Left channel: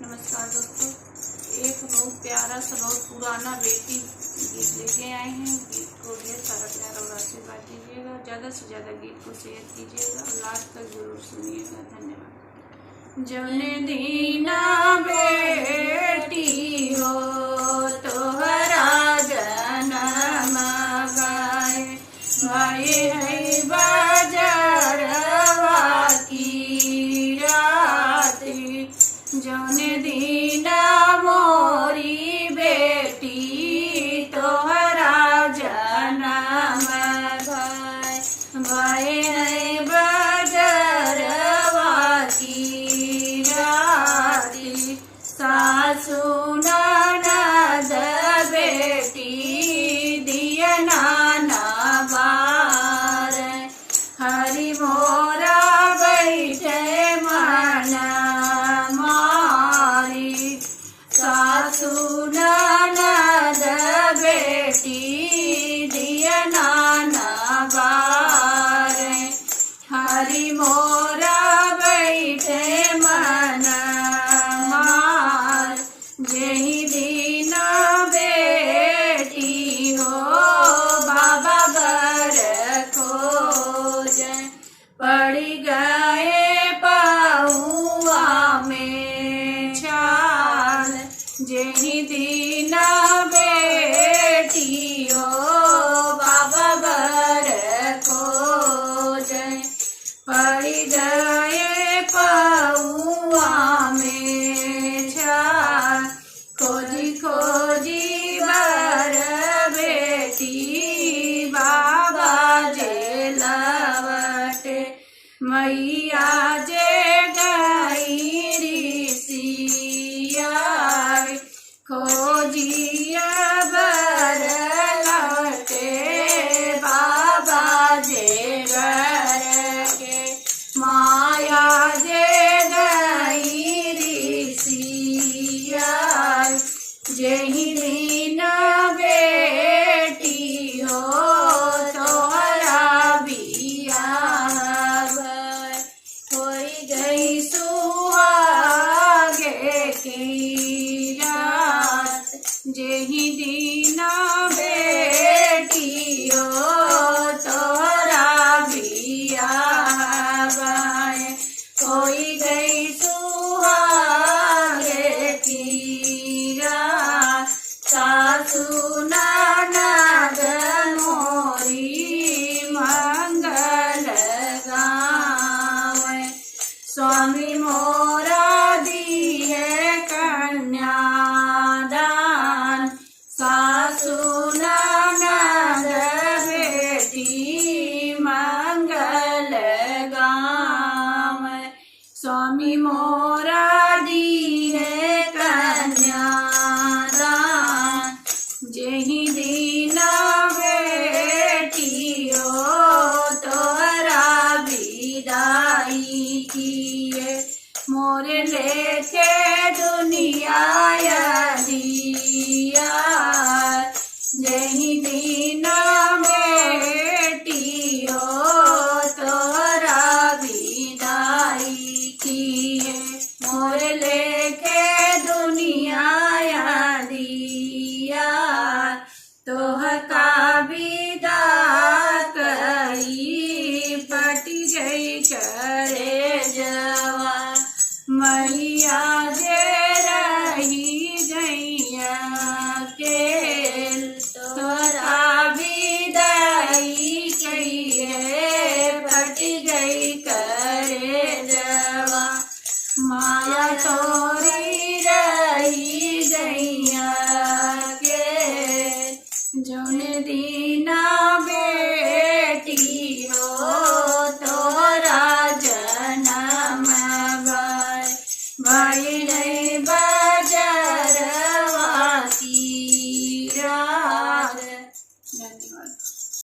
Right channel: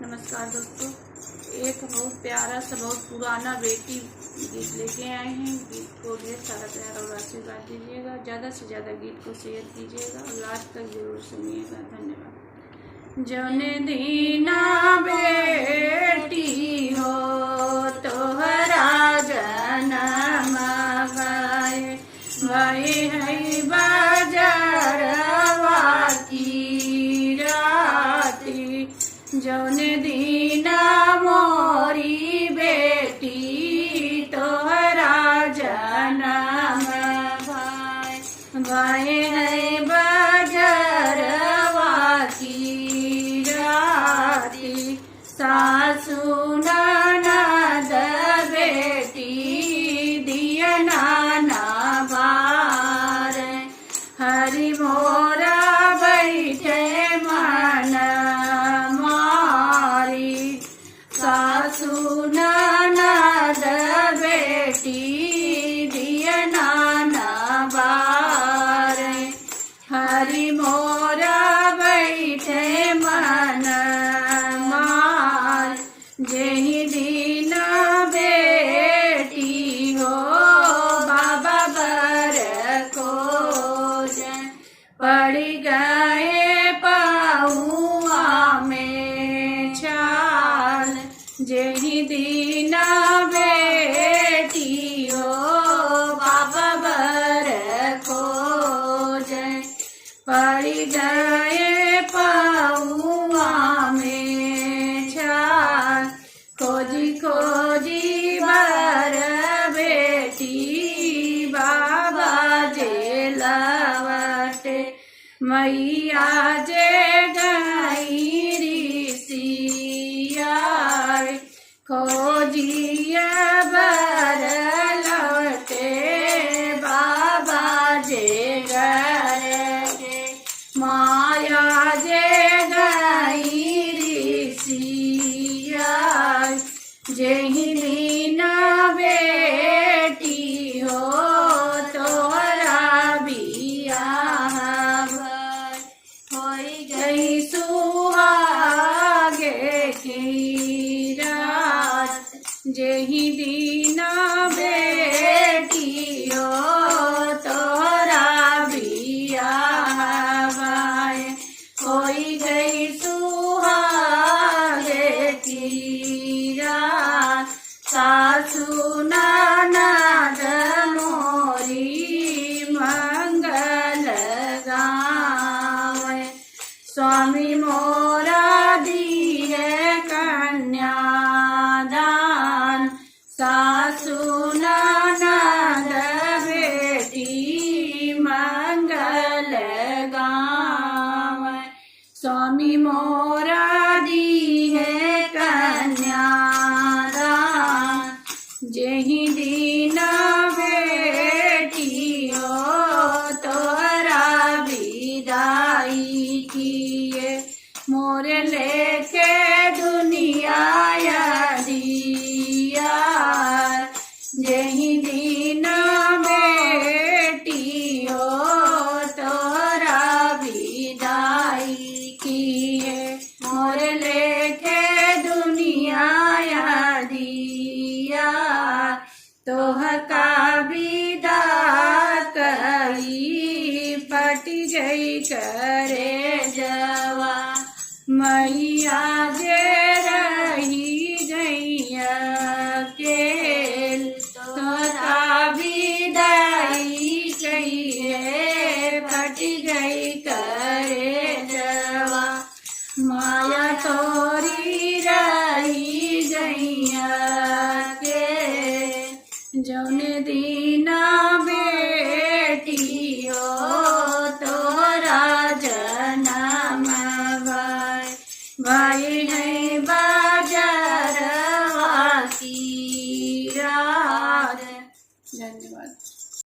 नमस्कार दोस्तों, एक बहुत प्यारा सा बहुत पुराना बेटी गीत लेके आए हैं। गीत को ढेर सारा प्यार और आशीर्वाद दीजिएगा। ज़्यादा से ज़्यादा गीत को शेयर कीजिएगा और लास्ट तक जरूर सुनिएगा। धन्यवाद। जौने दीना बेटी हो तोहरा जनम गाए भाई है बाजरवा की राती। जौने दीना मोरी बेटी तोहरा जनम भाई है बाजरवा की राती। सासु ननद बेटी दिया नाना बार हरि मोरा बैठे मना मारी। सासु ननद बेटी दिया नाना बार हरि मोरा बैठे मन मार। यही दिन बेटी हो बाबा बर खोज पड़ गए पहुआ में छाल। यही दिन बेटी हो बाबा बर खोज पड़ गए पहुआ में छाल। खोजी खोजी बर बेटी बाबा जे लवटे मैया जे गई ऋषिया। खोजिया बर लवटे बाबा जे गए माया जे गई ऋषिया। यही दिन बेटी हो तोहरा बियाह होई गई सुहागे की रात। यही दिन बेटी हो तोहरा बियाह होई गई सुहागे की रात। सासु ननद मोरी मंगल गावे स्वामी मोरा दिए कन्यादान। सासु ननद बेटी मंगल गावे स्वामी मोरा दिए कन्यादान। यही दिन बेटी हो तोहरा विदाई किए मोरे लेके दुनिया दिया। यही दिन बेटी हो तोहरा विदाई किए मोरे लेके दुनिया दिया। तोह का विदा करी पटी गई करे जवा मैया जे रही गैया के। तोहरा विदाई कहिए पटी गई करे जवा माया तोरी रही गैया के। जौने दीना बेटी हो तोहरा जनम भाई